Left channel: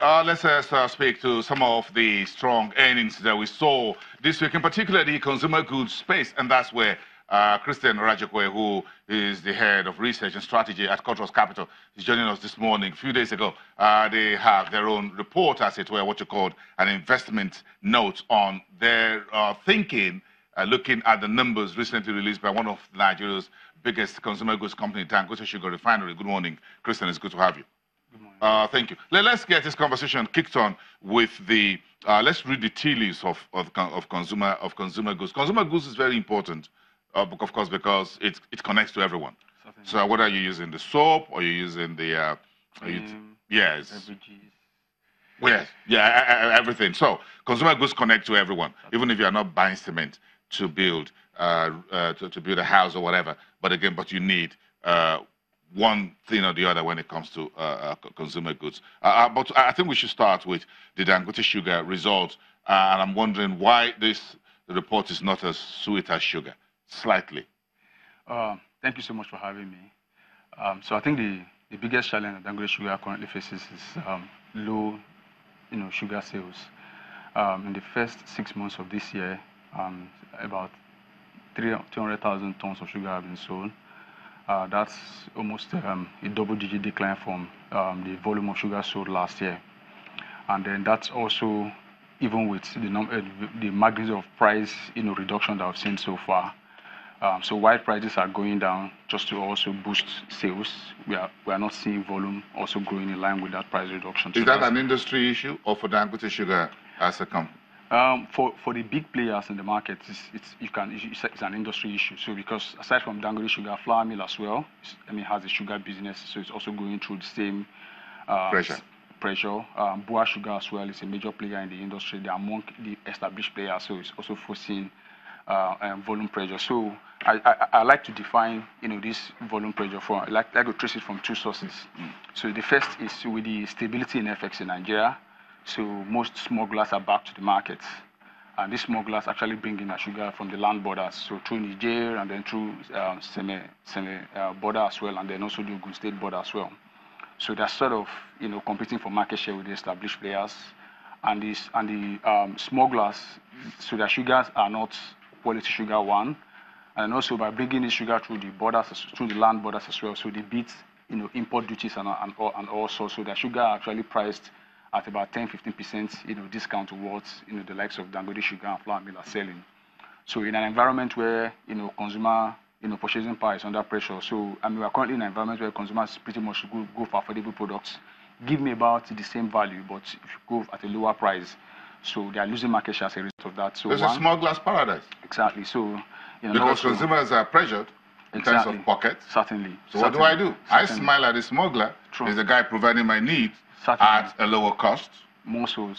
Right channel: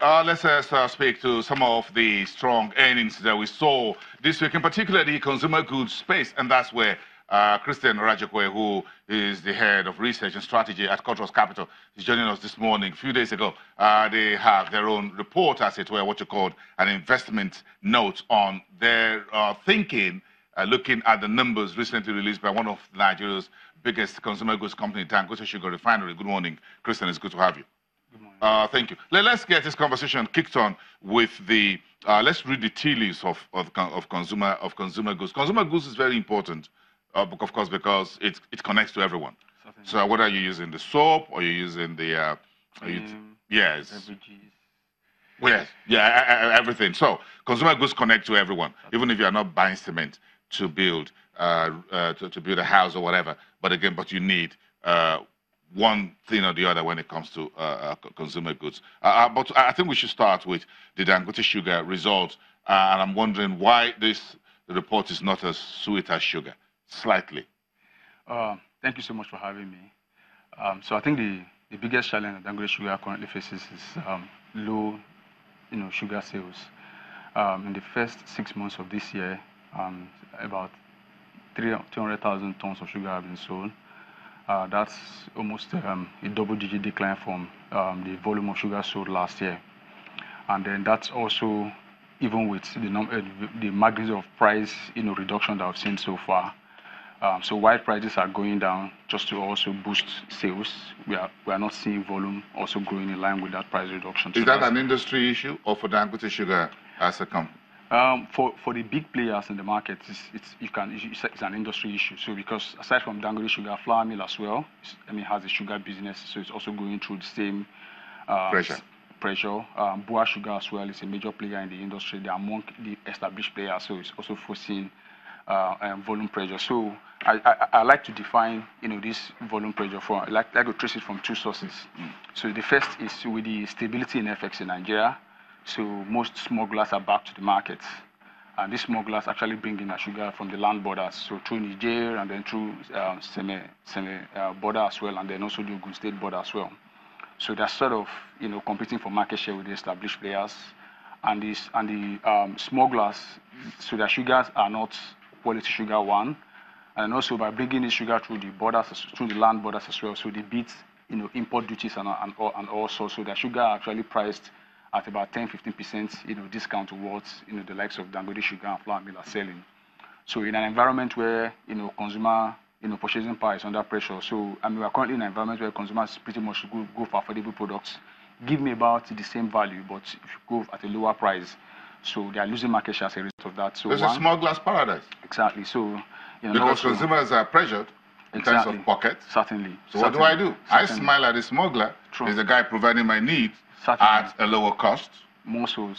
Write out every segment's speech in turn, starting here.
Let's speak to some of the strong earnings that we saw this week, in particular the consumer goods space, and that's where Christian Rajekwe, who is the head of research and strategy at Cultural Capital, is joining us this morning. A few days ago, they have their own report, as it were, what you called an investment note on their thinking, looking at the numbers recently released by one of Nigeria's biggest consumer goods company, Dangote Sugar Refinery. Good morning, Christian. It's good to have you. Thank you. Let's get this conversation kicked on with the. Let's read the tea leaves of consumer goods. Consumer goods is very important, of course, because it connects to everyone. Certainly. So whether you're using the soap or you're using the yes, beverages. Yes, everything. So consumer goods connect to everyone, even if you are not buying cement to build to build a house or whatever. But again, you need one thing or the other when it comes to consumer goods. But I think we should start with the Dangote Sugar result. And I'm wondering why the report is not as sweet as sugar, slightly. Thank you so much for having me. So I think the biggest challenge that Dangote Sugar currently faces is low sugar sales. In the first 6 months of this year, about 200,000 tons of sugar have been sold. That's almost a double-digit decline from the volume of sugar sold last year. And then that's also even with the magnitude of price reduction that I've seen so far. So while prices are going down just to also boost sales, we are not seeing volume also growing in line with that price reduction. Is that an industry issue or for Dangote Sugar as a company? For the big players in the market, it's an industry issue. So because aside from Dangote Sugar, Flour Mill as well, has a sugar business, so it's also going through the same pressure. Boa Sugar as well is a major player in the industry. They're among the established players, so it's also foreseeing volume pressure. So I like to define this volume pressure from I like to trace it from two sources. So the first is with the stability in FX in Nigeria. So most smugglers are back to the market, and these smugglers actually bring in sugar from the land borders, so through Niger and then through Seme border as well, and then also the Ogun State border as well. So they're sort of competing for market share with the established players, and the smugglers. So their sugars are not quality sugar one, and also by bringing in sugar through the borders, through the land borders as well. So they beat import duties and also so their sugar are actually priced at about 10-15% discount towards the likes of Dangote Sugar and Flour Mill are selling. So in an environment where consumer purchasing power is under pressure, so we are currently in an environment where consumers pretty much go for affordable products. Give me about the same value, but if you go at a lower price, so they are losing market share as a result of that. So it's a smuggler's paradise. Exactly. So because consumers are pressured in terms of pockets. Certainly. So what do I do? I smile at the smuggler. There's a guy providing my needs at a lower cost. More so,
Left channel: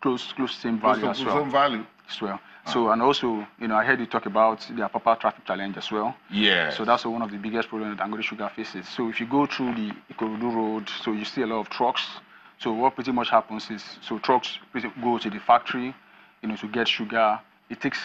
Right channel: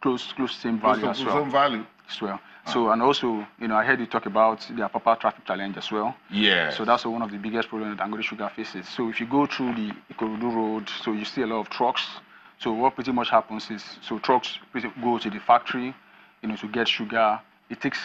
close same value as well. Same value. As well. So, and also, I heard you talk about the Apapa traffic challenge as well. Yeah. So that's one of the biggest problems that Dangote Sugar faces. So if you go through the Ikorodu road, so you see a lot of trucks. So what pretty much happens is, so trucks go to the factory, to get sugar. It takes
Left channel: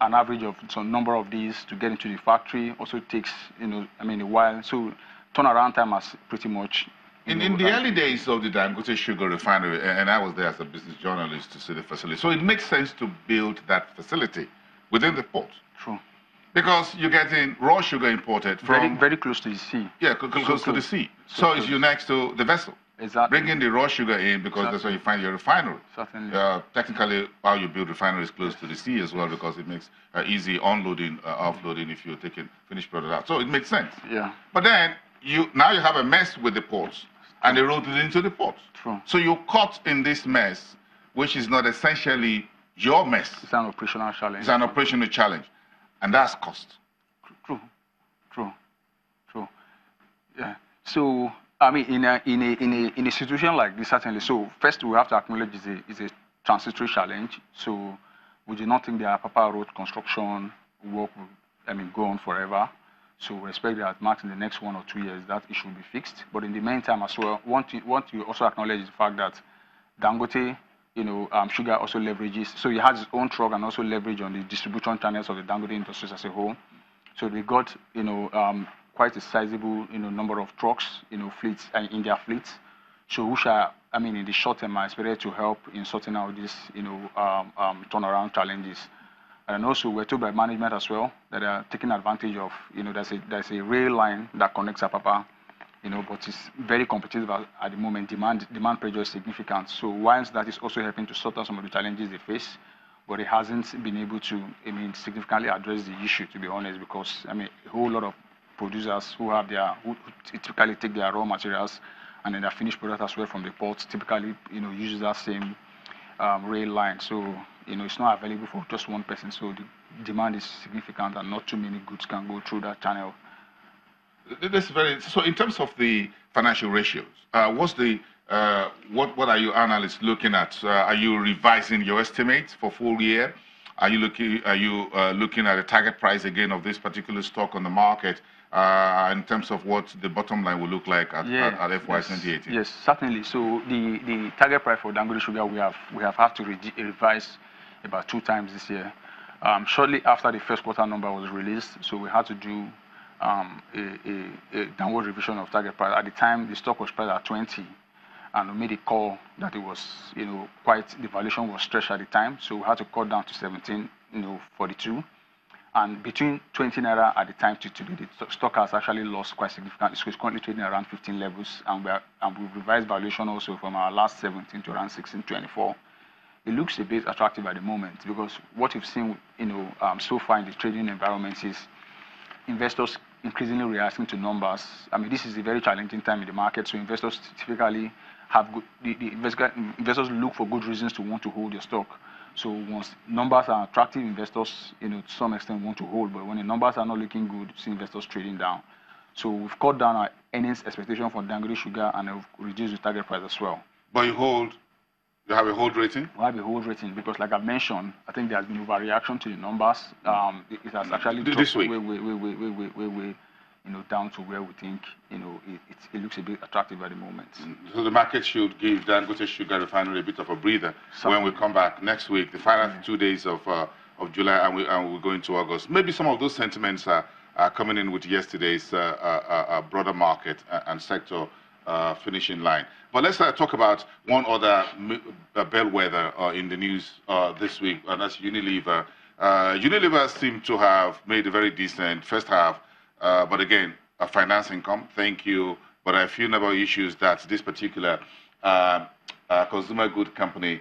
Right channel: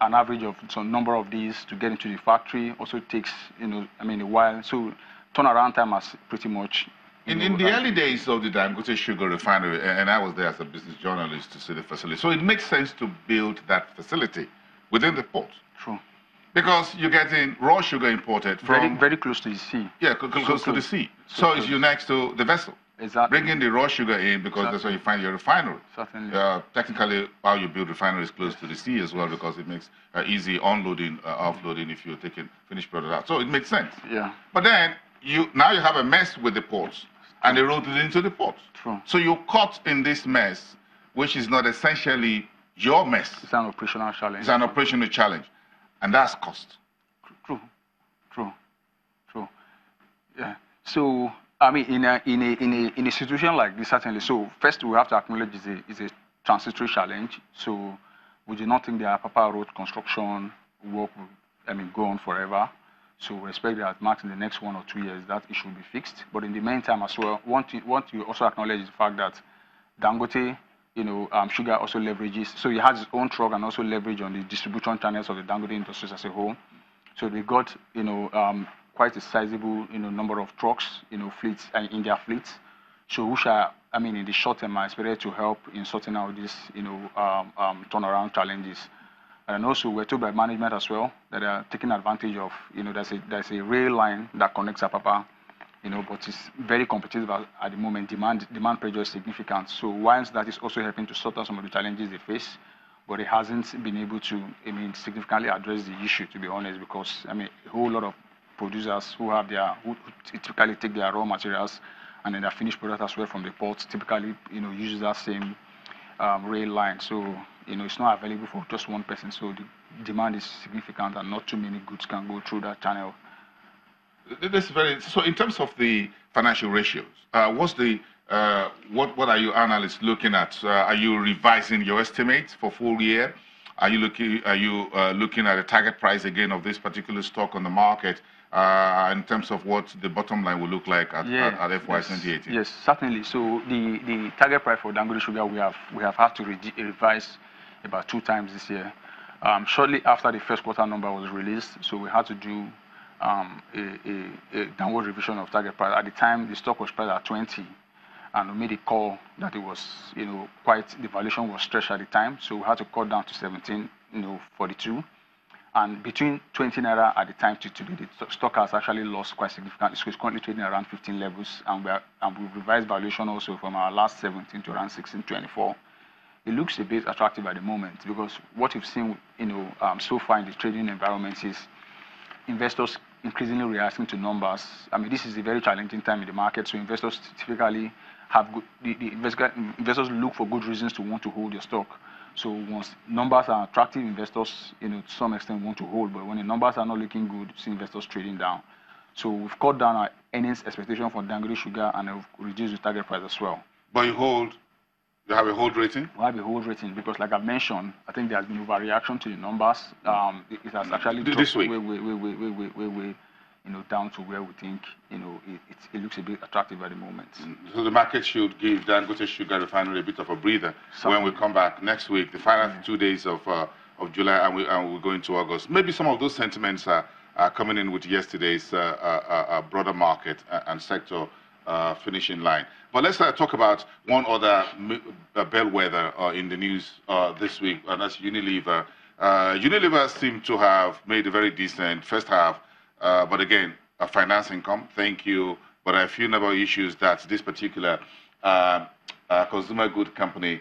an average of some number of days to get into the factory. Also takes, a while. So turnaround time has pretty much. In the early days of the Dangote Sugar Refinery, and I was there as a business journalist to see the facility, so it makes sense to build that facility within the port. True. Because you're getting raw sugar imported from... Very close to the sea. Yeah, close to the sea. So it's next to the vessel. Exactly. Bringing the raw sugar in because that's where you find your refinery. Certainly. Technically, how you build refineries close to the sea as well because it makes easy unloading, offloading if you're taking finished product out. So it makes sense. Yeah. But then, now you have a mess with the ports and the road into the ports. True. So you're caught in this mess, which is not essentially your mess. It's an operational challenge. It's an operational challenge. And that's cost. True. Yeah. So, in a situation like this, certainly. So, first we have to acknowledge it's a transitory challenge. So, we do not think the Apapa road construction work will, go on forever. So, we expect that max in the next 1 or 2 years that issue will be fixed. But in the meantime as well, want to also acknowledge the fact that Dangote, Sugar also leverages. So he has his own truck and also leverage on the distribution channels of the Dangote industries as a whole. So they got, quite a sizable, number of trucks, fleets in their fleets. So which are in the short term, are expected to help in sorting out these, turnaround challenges. And also, we're told by management as well that they are taking advantage of, there's a rail line that connects Apapa, but it's very competitive at the moment. Demand pressure is significant. So whilst that is also helping to sort out some of the challenges they face, but it hasn't been able to, significantly address the issue, to be honest, because, a whole lot of producers who typically take their raw materials and then their finished product as well from the ports, typically, use that same rail line. So, it's not available for just one person. So the demand is significant and not too many goods can go through that channel. So in terms of the financial ratios, what are you analysts looking at? Are you revising your estimates for full year? Are you looking at a target price again of this particular stock on the market in terms of what the bottom line will look like at FY 2018? Yes, certainly. So the target price for Dangote Sugar we have had to revise about 2 times this year. Shortly after the first quarter number was released, so we had to do a downward revision of target price. At the time, the stock was priced at 20, and we made a call that it was, the valuation was stretched at the time, so we had to cut down to 17.42. And between 20 naira at the time to today, the stock has actually lost quite significantly. So it's currently trading around 15 levels, and we've revised valuation also from our last 17 to around 16.24. It looks a bit attractive at the moment because what we've seen, so far in the trading environment is investors increasingly reacting to numbers. This is a very challenging time in the market, so investors typically investors look for good reasons to want to hold your stock. So once numbers are attractive, investors, to some extent want to hold, but when the numbers are not looking good, see investors trading down. So we've cut down our earnings expectation for Dangote Sugar and we've reduced the target price as well. But you have a hold rating? We have a hold rating because, like I've mentioned, I think there has been overreaction to the numbers. It has actually this week way down to where we think it looks a bit attractive at the moment. So the market should give Dangote Sugar Refinery a bit of a breather when we come back next week, the final 2 days of July, and we'll go into August. Maybe some of those sentiments are coming in with yesterday's broader market and sector finishing line. But let's talk about one other bellwether in the news this week, and that's Unilever. Unilever seemed to have made a very decent first half, but again, a finance income, thank you, but a few number of issues that this particular consumer good company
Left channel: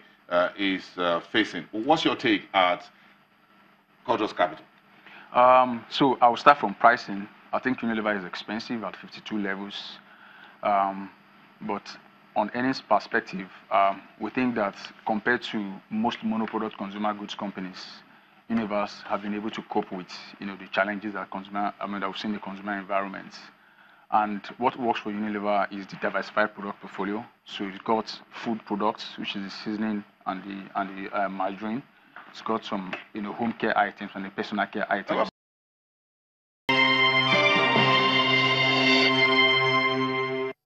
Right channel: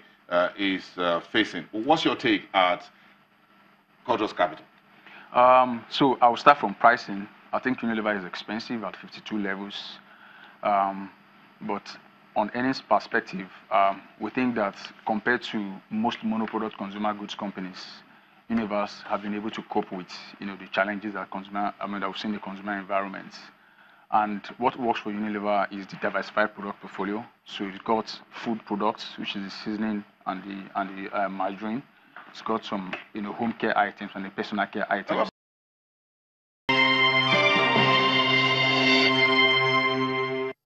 is facing. What's your take at Cordros Capital? So I'll start from pricing. I think Unilever is expensive at 52 levels. But on earnings perspective, we think that compared to most monoproduct consumer goods companies, Unilever have been able to cope with the challenges that we've seen in the consumer environment. And what works for Unilever is the diversified product portfolio. So it's got food products, which is the seasoning and the margarine. It's got some home care items and the personal care items.